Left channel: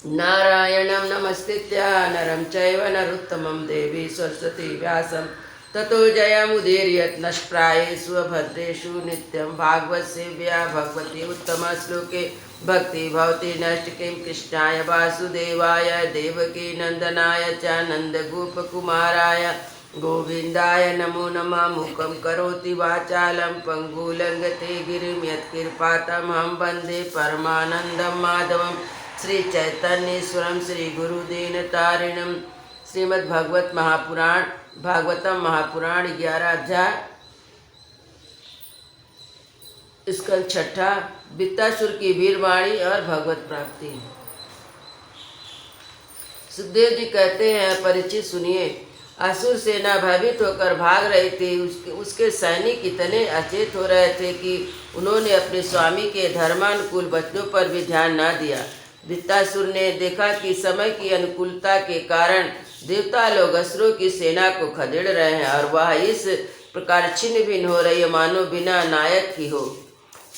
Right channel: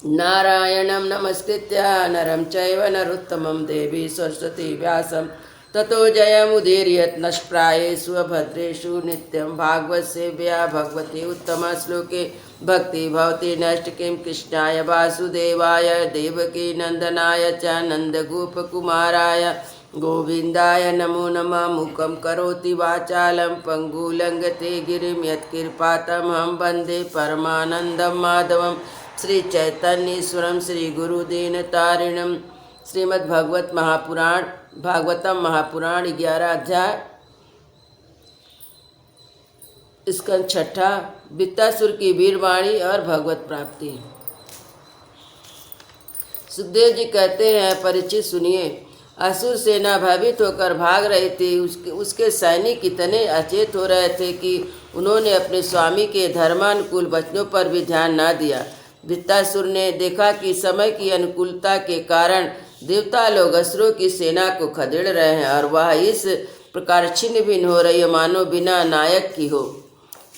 नारायणं नमस्कृत्य नरं चैव नरोत्तमं देवी सरस्वती व्यासं ततो जयमुदीरयत् नष्प्रायेषु भद्रेषु नित्यं भागवतसेव्या भगवती उत्तमश्लोके भक्ति भवति नष्टकिं कृष्णाय वासुदेवाय देवकी नन्दनाय च नन्दगोपकुमाराय गोविन्दाय नमो नमः। मूकं करोति वाचालं पङ्गुलङ्घते गिरिं यत्कृपातमहं वन्दे परमानन्दं माधवं श्री चैतन्येश्वरम श्री गुरुदेव तारिणम। श्रीमद्भगवत महापुराण भागवतम महापुराण 11 अध्याय स्कंद छठा वित्तासुर की वीरवाणी और भगवत प्राप्ति। सुखदेव जी कहते हैं, परीक्षित सुनिए, असुर सेना भयभीत होकर भाग रही थी। उसके सैनिक इतने अचेत हो रहे थे कि उन्होंने अपने स्वामी के धर्मानुकूल वचनों पर भी ध्यान न दिया। वृत्तासुर ने देखा कि समय की अनुकूलता के कारण देवता लोग असुरों की सेना को खदेड़ रहे हैं और वह इस प्रकार छिन्न भिन्न हो रही है मानो बिना नायक की हो।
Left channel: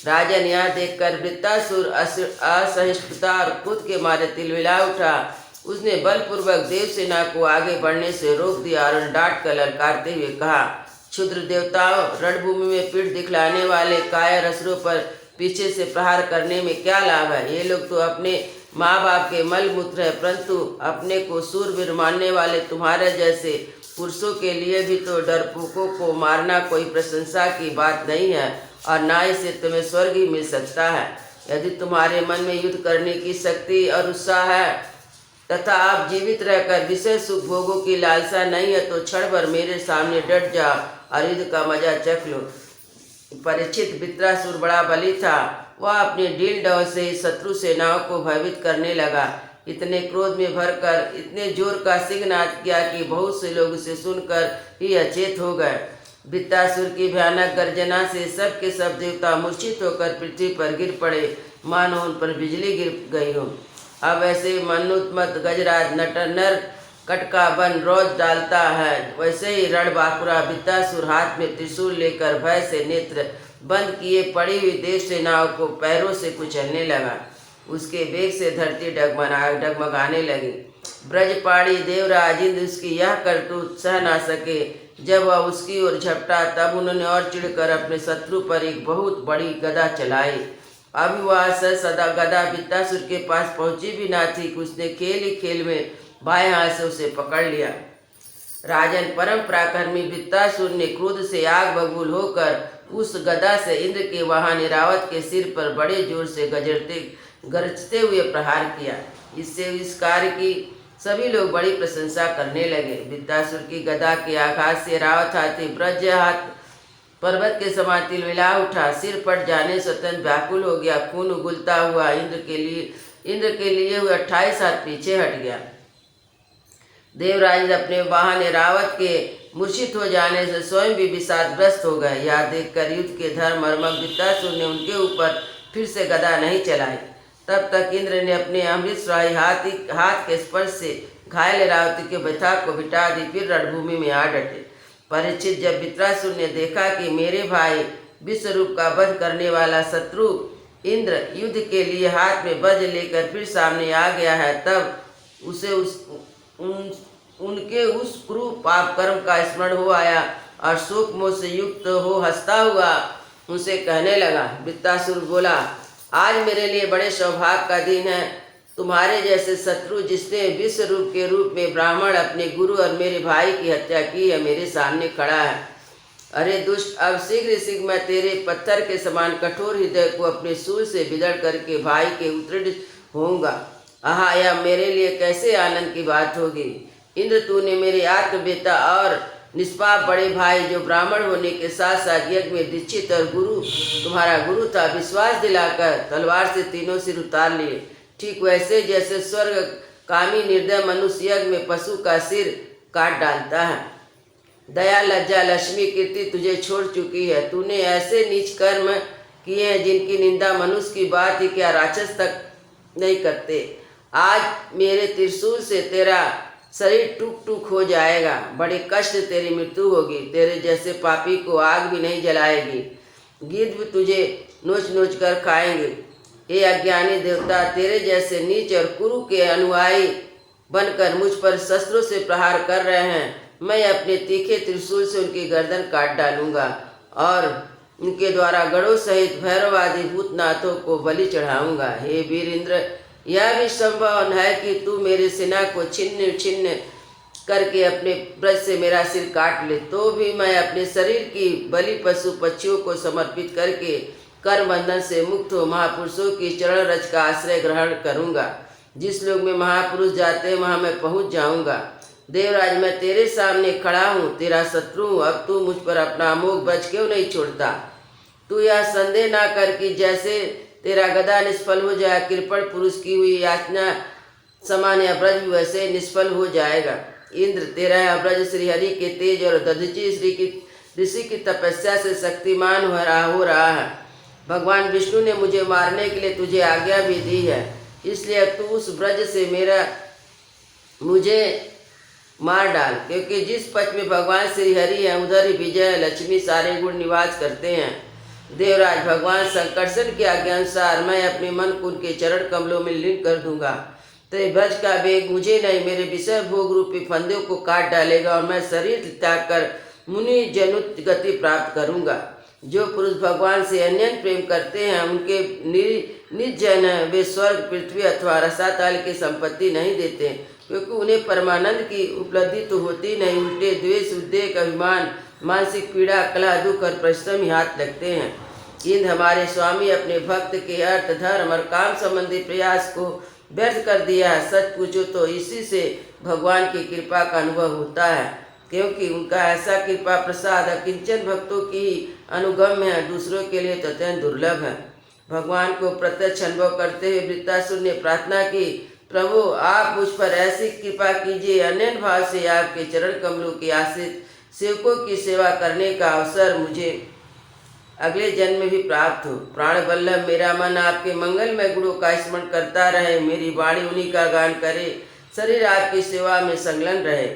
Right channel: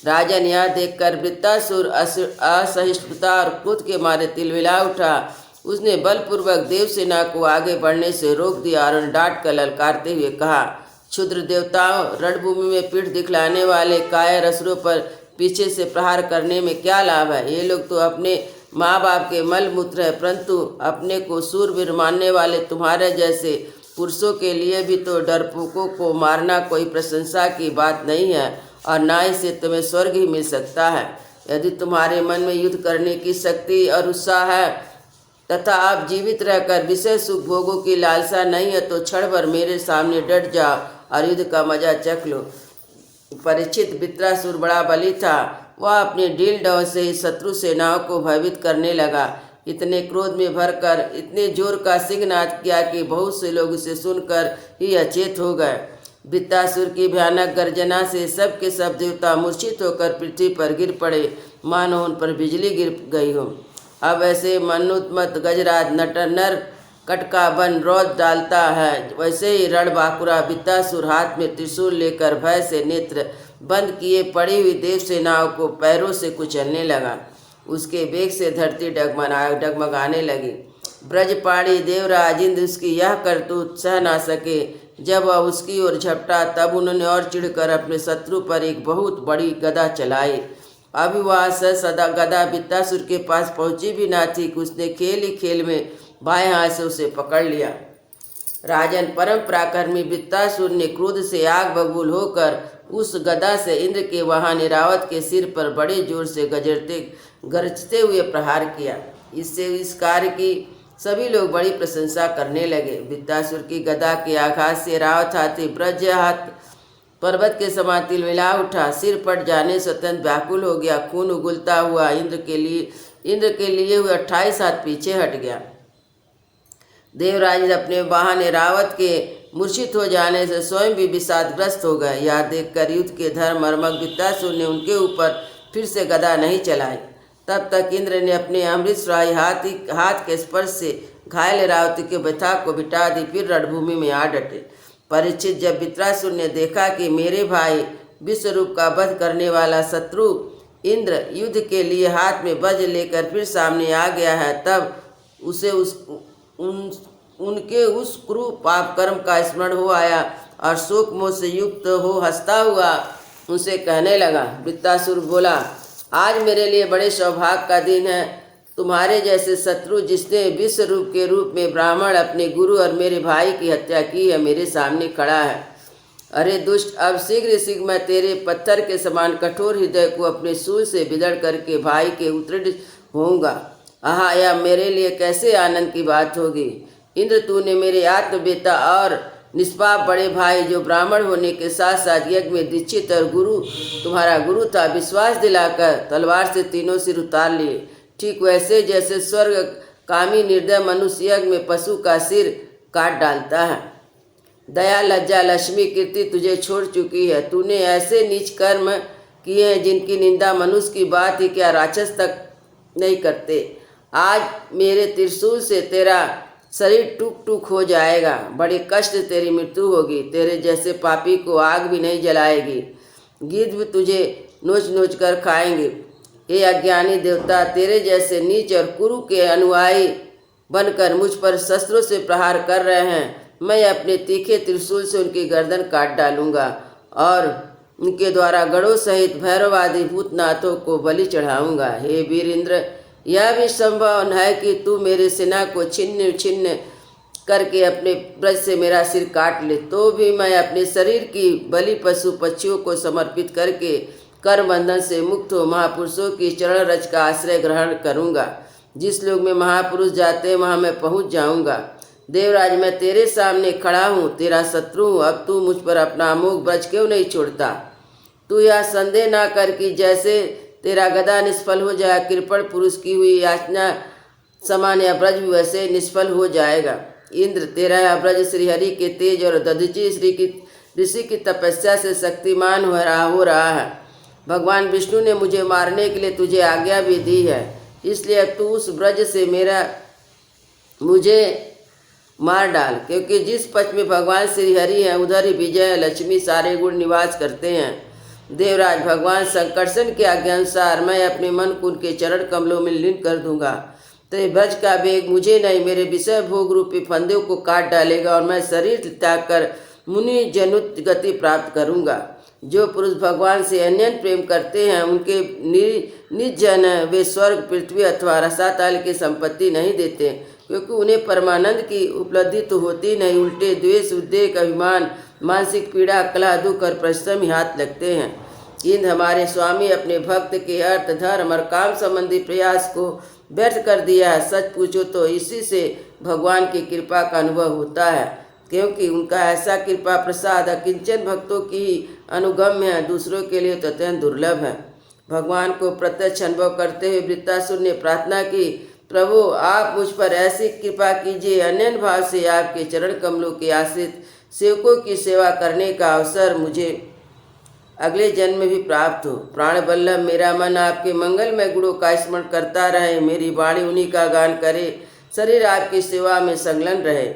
राजन यह देखकर वृत्तासुर असहिष्णुता और क्रोध के मारे तिलमिला उठा। उसने बलपूर्वक देव सेना को आगे बढ़ने से रोक दिया और डांट कर ललकारते हुए कहा, क्षुद्र देवताओं, रणभूमि में पीठ दिखलाने वाले कायर असुरों पर पीछे से प्रहार करने में क्या लाभ है। ये लोग तो अपने माँ बाप के मल मूत्र है, परंतु अपने को सूरवीर मानने वाले तुम्हारे जैसे पुरुषों के लिए भी तो डरपोकों को मारना कोई प्रशंसा की बात नहीं है और न इसे तुम्हें स्वर्ग ही मिल सकता है। यदि तुम्हारे मन में युद्ध करने की शक्ति और उत्साह है तथा आप जीवित रहकर विषय सुख भोगों की लालसा नहीं है तो क्षण भर मेरे सामने डट जाओ और युद्ध का मजा चख लो। परीक्षित वृत्रासुर बड़ा बली था। वह अपने ढील ढाल से ही शत्रु सेनाओं को भयभीत करने लगा। इतने क्रोध में भरकर इतने जोर का सिंहनाद किया कि बहुत से लोग उसे सुनकर ही अचेत हो गए। वृत्तासुर की भयानक गर्जना से सब के सब देवता मूर्छित होकर पृथ्वी पर गिर पड़े, मानो उन पर बिजली गिर गई हो। अब ऐसे मनुत्मत गजराज नर कटका बन रोज डालता है, वैसे ही रणबांकुरा वृत्तासुर हाथ में त्रिशूल लेकर भय से नेत्र बंद किए पड़ी हुई देव सेनाओं को पैरों से कुचलने लगा। उसके वेग से धरती डगमगाने लगी। ब्रजपाणी देवराज इंद्र उसकी यह करतूत सह ना सके। जब वह उसकी ओर झपटा तब उन्होंने और चिढ़कर अपने शत्रु पर एक बहुत बड़ी गदा चलाई। अभी वह सदा गदा वृत्तासुर के पास पहुंची भी ना थी कि उसने खेल ही खेल में बाएं हाथ से उसे पकड़ लिया। राजन परम पराक्रमी वृत्तासुर ने क्रोध से आग बबूल होकर उस गदा से इंद्र के वाहन ऐरावत के सिर पर बड़े जोर से गरजते हुए प्रहार किया। इससे इस कार्य की सभी लोग बड़ी प्रशंसा करने लगे। वृत्तासुर की गदा के आघात से ऐरावत हाथी ब्रज हाथ पर्वत के समान तिलमिला उठा। सिर पट जाने से अत्यंत व्याकुल हो गया। खून उगलता हुआ इंद्र के लिए हुए 28 हाथ पीछे हट गया। देवराज अपने वाहन ऐरावत के मूर्छित हो जाने से स्वयं भी विषादग्रस्त हो गए। यह देखकर युद्ध के धर्मर्मक वृत्तासुर ने उनके ऊपर फिर से गदा नहीं चलाई। तब तक इंद्र ने अपने अमृतश्राही हाथ के स्पर्श से घायल ऐरावती के व्यथा को मिटा दी। फिर रणभूमि में आ डटे। परीक्षित, जब वृत्रासुर ने देखा कि मेरे भाई विश्वरूप का वध करने वाला शत्रु इंद्र युद्ध के लिए हाथ में वज्र लेकर फिर सामने आ गया है, तब उसे उनके उस क्रूर पाप कर्म का स्मरण हो आया और शोक मोह से युक्त हो हंसता हुआ उनसे कहने लगा। वृत्तासुर बोला, आज मेरे लिए बड़े सौभाग्य का दिन है। तुम्हारे जैसे शत्रु जिसने विश्व रूप के रूप में ब्राह्मण अपने गुरु और मेरे भाई की हत्या की है मेरे सामने खड़ा है। अरे दुष्ट, अब शीघ्र मैं तेरे पत्थर के समान कठोर हृदय को अपने सूल से बिगड़ करके भाई के उत्तीर्ण होऊंगा। आहा, यह मेरे लिए कैसे आनंद की बात होगी। इंद्र, तूने मेरे आत्मवेता और निष्पाप बड़े भाई जो ब्राह्मण होने के साथ साथ यज्ञ में दीक्षित और तुम्हारा गुरु था, विश्वास दिलाकर तलवार से तीनों सिर उतार लिए। ठीक वैसे जैसे स्वर्ग कामी निर्दय मनुष्य यज्ञ में पशु का सिर काट डालता है। दया लज्जा लक्ष्मी कीर्ति तुझे छोड़ चुकी है। तूने ऐसे नीच कर्म किए हैं जिनकी निंदा मनुष्य की बात ही क्या राक्षस तक नहीं करते। आज मेरे त्रिशूल से तेरा शरीर टूक टूक हो जाएगा। बड़े कष्ट तेरी मृत्यु होगी। तेरे जैसे पापी को आग भी नहीं जलाएगी। गिद्ध भी तुझे नोच नोच कर खाएंगे। हे अज्ञानी देवता, तेरे जैसे नीच और कुरु के अनुयायी बनकर मुझ पर शस्त्रों से प्रहार कर रहे हैं। मैं अपने तीखे त्रिशूल से उनकी गर्दन काट डालूंगा और उनके द्वारा गढ़ों सहित भैरव आदि भूतनाथों को बलि चढ़ाऊंगा। हे वीर इंद्र, यह भी संभव है कि तू मेरी सेना को छिन्न छिन्न करके अपने ब्रज से मेरा सिर काट ले, तो भी मैं अपने शरीर की बलि पशु पक्षियों को समर्पित करके कर्म बंधन से मुक्त हो महापुरुषों की चरण रज का आश्रय ग्रहण करूंगा। जिस लोग में महापुरुष जाते हैं वहां मैं पहुंच जाऊंगा। देवराज, मैं तेरे सामने खड़ा हूँ, तेरा शत्रु हूँ। अब तू मुझ पर अपना अमोघ ब्रज क्यों नहीं छोड़ता? तू यह संदेह ना कर कि जैसे तेरा गदा निष्फल हो जाए, कृपण पुरुष की हुई याचना समान यह ब्रज भी वैसे निष्फल हो जाएगा। इंद्र, तेरा यह ब्रज श्रीहरि के तेज और दधीचि ऋषि की तपस्या से शक्तिमान हो रहा है। भगवान विष्णु ने मुझे मारने के लिए तुझे आज्ञा भी दी है, इसलिए तू उस ब्रज से मुझे मार डाल, क्योंकि जिस पक्ष में भगवान श्री हरि हैं उधर ही विजय लक्ष्मी सारे गुण निवास करते हैं। देवराज, भगवान संकर्षण के आज्ञा अनुसार मैं अपने मन को उनके चरण कमलों में लीन कर दूंगा। तो ब्रज का वेग मुझे नहीं, मेरे विषय भोग रूपी फंदों को काट डालेगा और मैं शरीर त्याग कर मुनि जनुत गति प्राप्त करूंगा। जो पुरुष भगवान से अनन्य प्रेम करते हैं उनके निर्जन वे स्वर्ग, पृथ्वी अथवा रसातल की संपत्ति नहीं देते, क्योंकि उन्हें परमानंद की उपलब्धि तो होती नहीं, उल्टे द्वेष, उद्वेग, अभिमान, मानसिक पीड़ा, कलह, दुख और परिश्रम ही हाथ लगते हैं। इंद्र, हमारे स्वामी अपने भक्त के अर्थ, धर्म और काम संबंधी प्रयास को व्यर्थ कर दिया है। सच पूछो तो इसी से भगवान की कृपा का अनुभव होता है, क्योंकि उनका ऐसा कृपा प्रसाद अकिंचन भक्तों की अनुगम्य है, दूसरों के लिए तो अत्यंत दुर्लभ है। भगवान को प्रत्यक्ष अनुभव करते हुए वृत्तासुर ने प्रार्थना की, प्रभु आप मुझ पर ऐसी कृपा कीजिए, अनन्य भाव से आपके चरण कमलों के आश्रित सेवकों की सेवा करने का अवसर मुझे अगले जन्म में भी प्राप्त हो। प्राण वल्लभ, मेरा मन आपके मंगलमय गुणों का स्मरण करता रहे, मेरी वाणी उन्हीं का गान करे, शरीर आपकी सेवा में संलग्न रहे।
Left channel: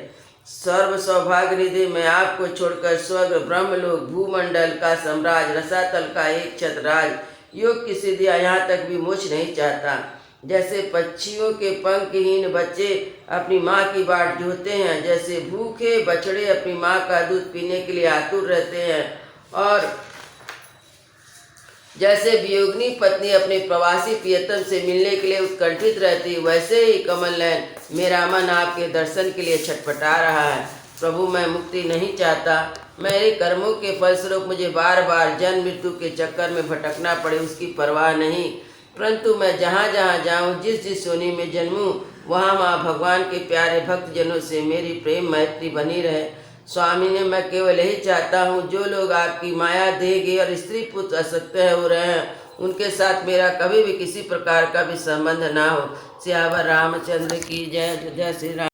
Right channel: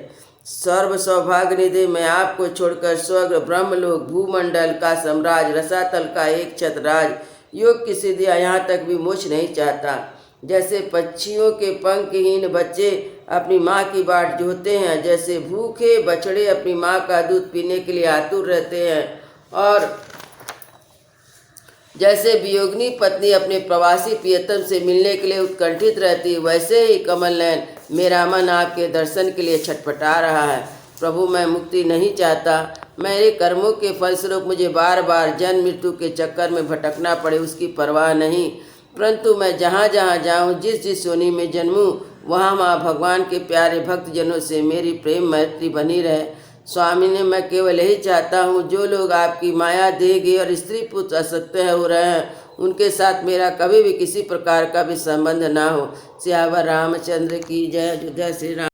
सर्व सौभाग्य निधि, मैं आपको छोड़कर स्वर्ग, ब्रह्मलोक, भूमंडल का साम्राज्य, रसातल का एक छत्रराज, योग की सिद्धियाँ, यहाँ तक भी मोक्ष नहीं चाहता। जैसे पक्षियों के पंखहीन बच्चे अपनी माँ की बाट जोहते हैं, जैसे भूखे बछड़े अपनी माँ का दूध पीने के लिए आतुर रहते हैं, और जैसे वियोगिनी पत्नी अपने प्रवासी प्रियतम से मिलने के लिए उत्कंठित रहती, वैसे ही कमल नयन मेरा मन आपके दर्शन के लिए छटपटा रहा है। प्रभु, मैं मुक्ति नहीं चाहता। मेरे कर्मों के फलस्वरूप मुझे बार बार जन्म मृत्यु के चक्कर में भटकना पड़े, उसकी परवाह नहीं, परंतु मैं जहाँ जहाँ जाऊँ, जिस जिस योनि में जन्मूँ, वहाँ वहाँ भगवान के प्यारे भक्तजनों से मेरी प्रेम मैत्री बनी रहे। स्वामी ने, मैं केवल यही चाहता हूँ, जो लोग आपकी माया देगी और स्त्री पुत्र असक्त हो रहे हैं, उनके साथ मेरा कभी भी किसी प्रकार का भी संबंध ना हो। सियावर रामचंद्र की जय। जय श्री राम।